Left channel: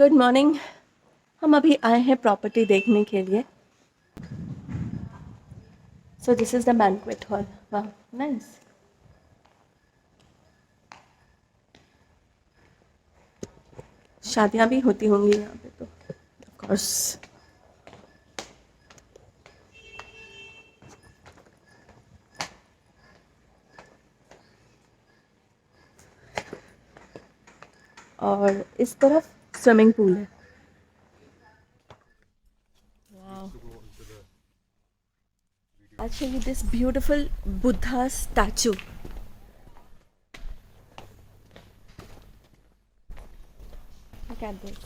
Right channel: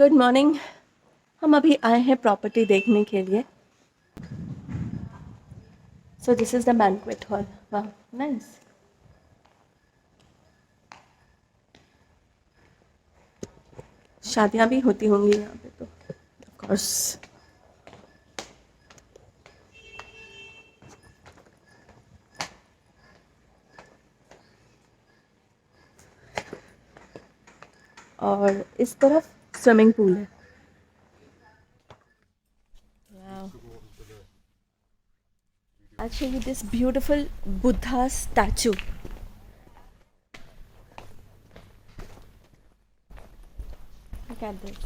Good morning. हम अभी आए हैं प्रॉपर्टी देखने के लिए। So this is the banquet hall. वाह, नाइस। शादियाँ भी होती होंगी यहाँ पे तो ऑफ कोर्स। और इस तरफ स्विमिंग पूल है। I'll show you this beautiful Buddha statue. Look at this.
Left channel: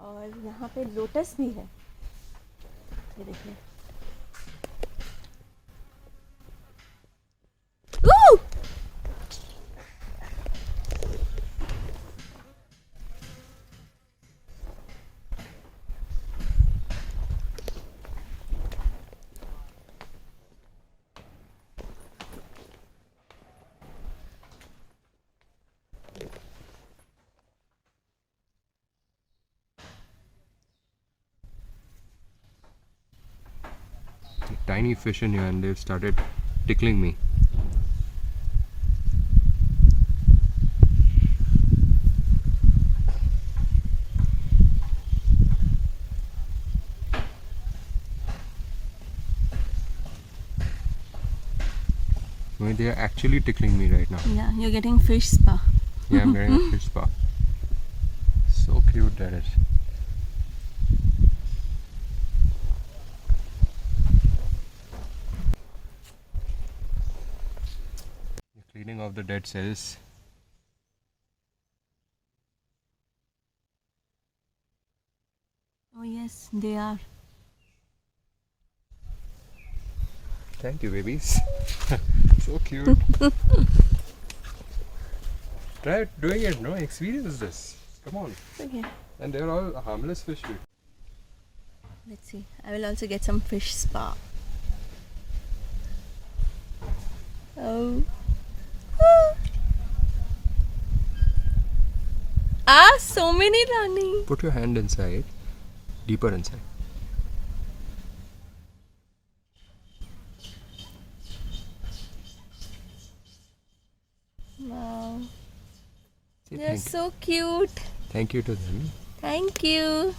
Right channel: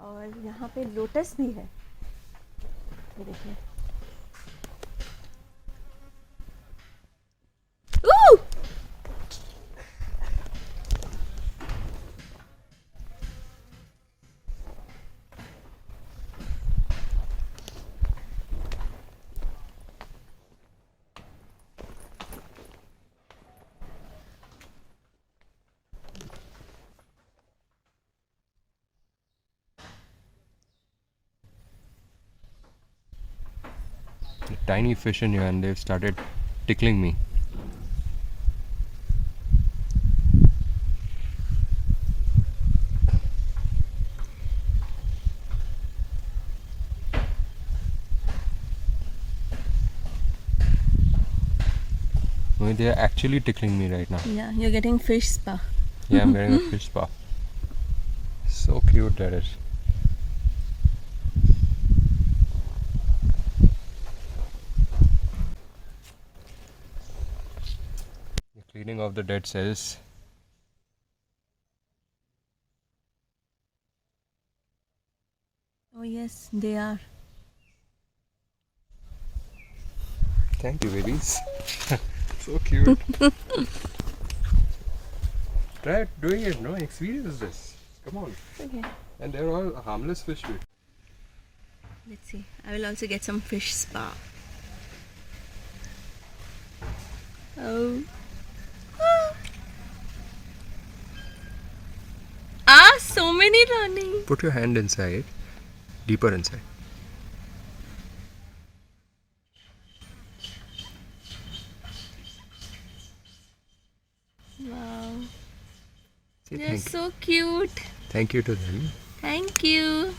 और यहाँ पे लोटस भी है, ये देखिए। Tiny fish in here and they've started tickling me. I mean, they are actually tickling me right now. Yeah, you're getting fish spa. Yeah, I'm getting a fish spa. So cute that is. Cleaning of the dead cells. Oh yes, they are. Thank you, babies. So cute. Try doing it, no? Experience this. Come on. Okay. And they're all harmless fish. Let's see. I will also get some fish spa. Oh. So many running. Put your hand inside, deeper inside. Wow. Say They're so cute. Thank you to them. Thank you.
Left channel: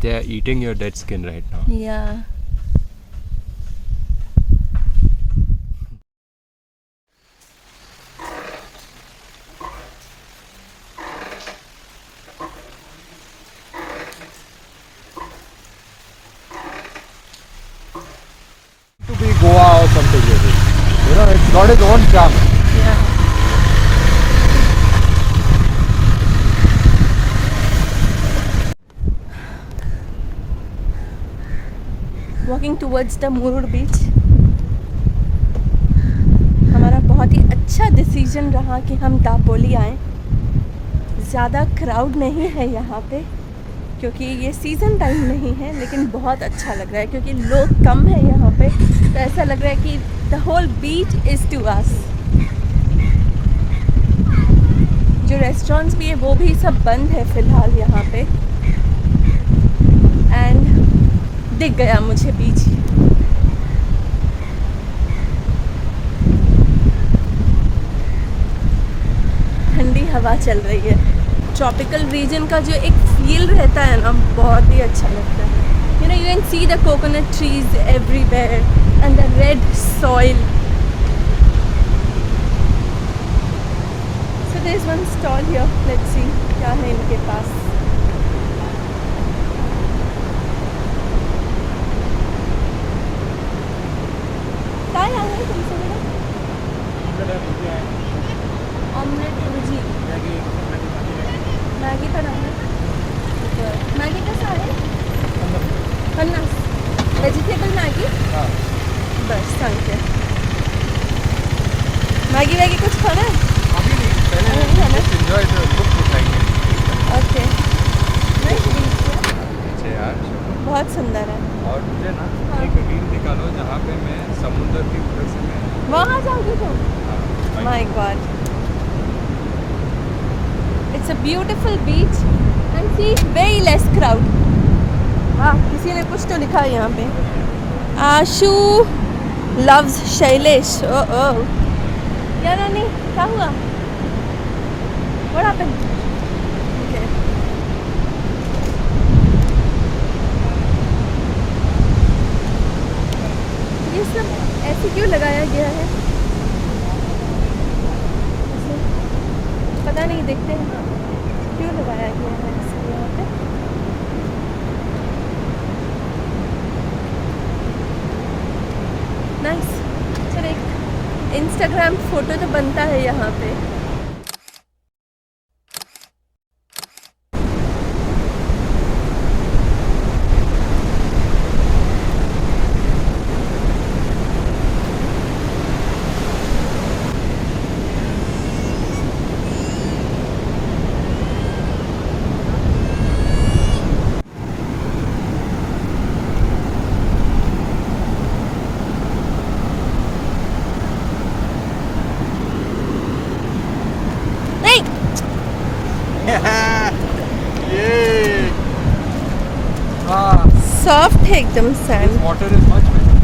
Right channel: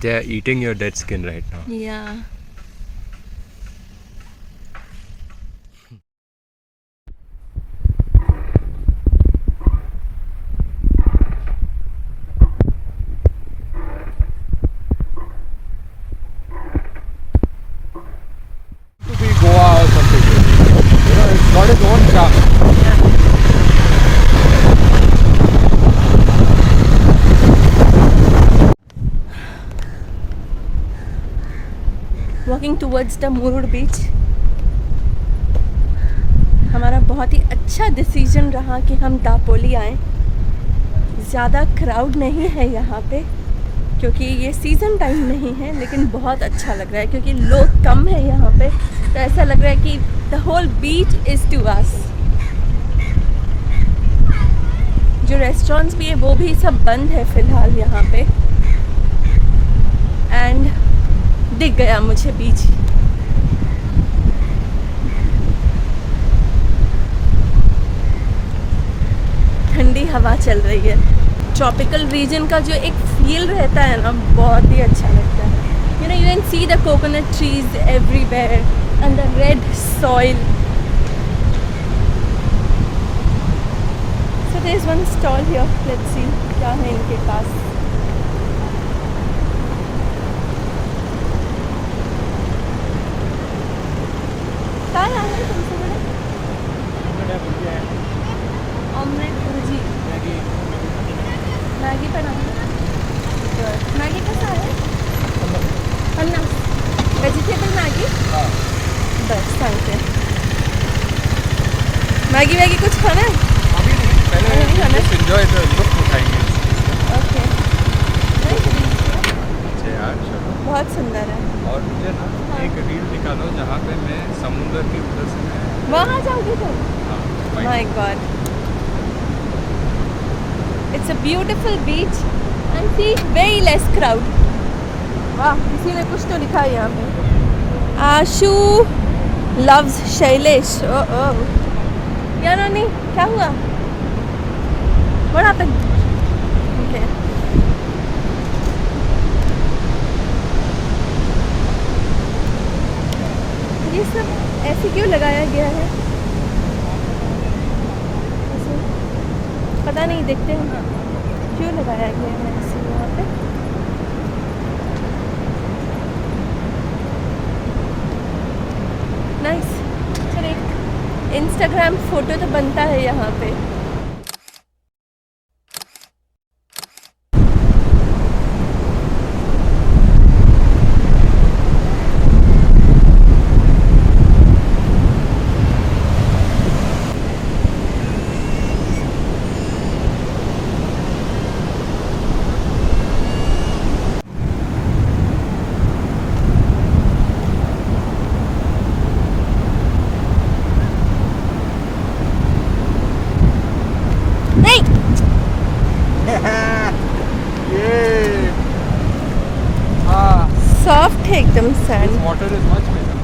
They are eating your dead skin right now. Yeah. Goa or something, really. You know, it's got its own charm. Yeah. Walking towards the Murud beach. हमारा बहुत ही अच्छा decision रहा कि हम दापोली आएँ। ज़्यादा crowd नहीं है यहाँ पे क्योंकि ये सीज़न टाइम नहीं है, लेकिन बहुत अच्छा लग रहा है क्योंकि लोग कम है यहाँ पे, तो ऐसा लग रहा है कि the whole beach is to us. जो रेस्टोरेंट्स भी है वो भी सब बंद है फ़िलहाल यहाँ पे। एंड दिख गया मुझे बीच। ठंडी हवा चल रही है। ट्रॉपिकल रीजन का जो एक फील रहता है ना, बहुत ही अच्छा लगता है। You know, you can see the coconut trees everywhere and the red soil. So there is one stall here, let's see क्या है इनके पास। क्या है तुमसे बड़ा? ऑमलेट भुर्जी, मैगी बनाना। मैगी कैसा है? 50 वेजिटेबल मैगी। बस सांगते मैगी वैगी कुछ खाना है? नहीं खाना। ओके। यार चलो, बहुत सुंदर है। और मुझे ना एक रील निकालो जहाँ पे मैं समुद्र की उधर से मैं वहाँ जाओगे तुम? हाँ, bike. My God. It's a beautiful beach and see very less crowd. वाह, किसी ने कुछ तो लिखा है यहाँ पे. आशु loves शैलेश. Oh. क्या रानी? क्या हुआ? What happened? Okay. ये सब ऐसे क्यों लगाया गया है? ऐसे पता नहीं, देखते हैं क्यों लगाया गया है ऐसे यहाँ पे. नाइस. चलो एक इंस्टाग्राम फोटो तो बनता है यहाँ पे. ये हाँ, सॉफ्ट है एकदम sand. water is much better.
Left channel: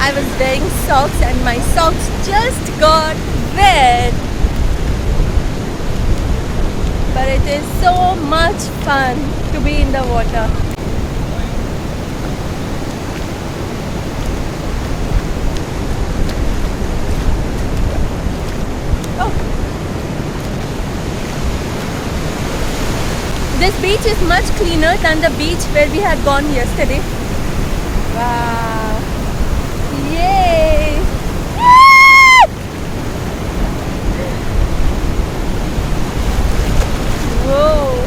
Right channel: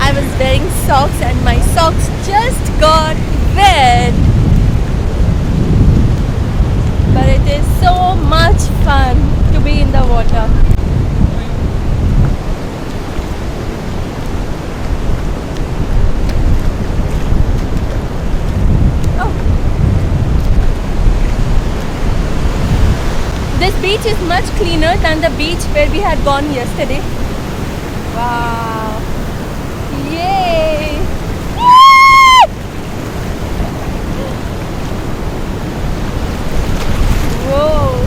I was wearing socks and my socks just got wet. But it is so much fun to be in the water. Oh. This beach is much cleaner than the beach where we had gone yesterday. Wow. Yay! Whoa.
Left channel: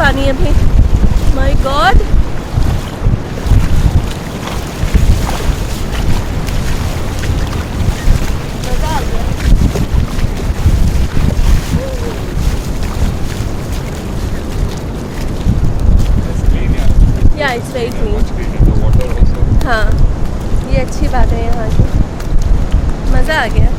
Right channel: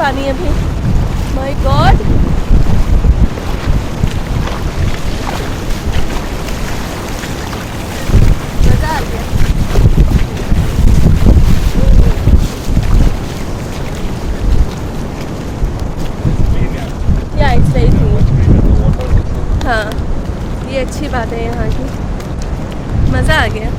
पानी अभी. My God. मजा आ गया. या it's very clean. हाँ, ये अच्छी बात है यहाँ की. मज़ा आ गया.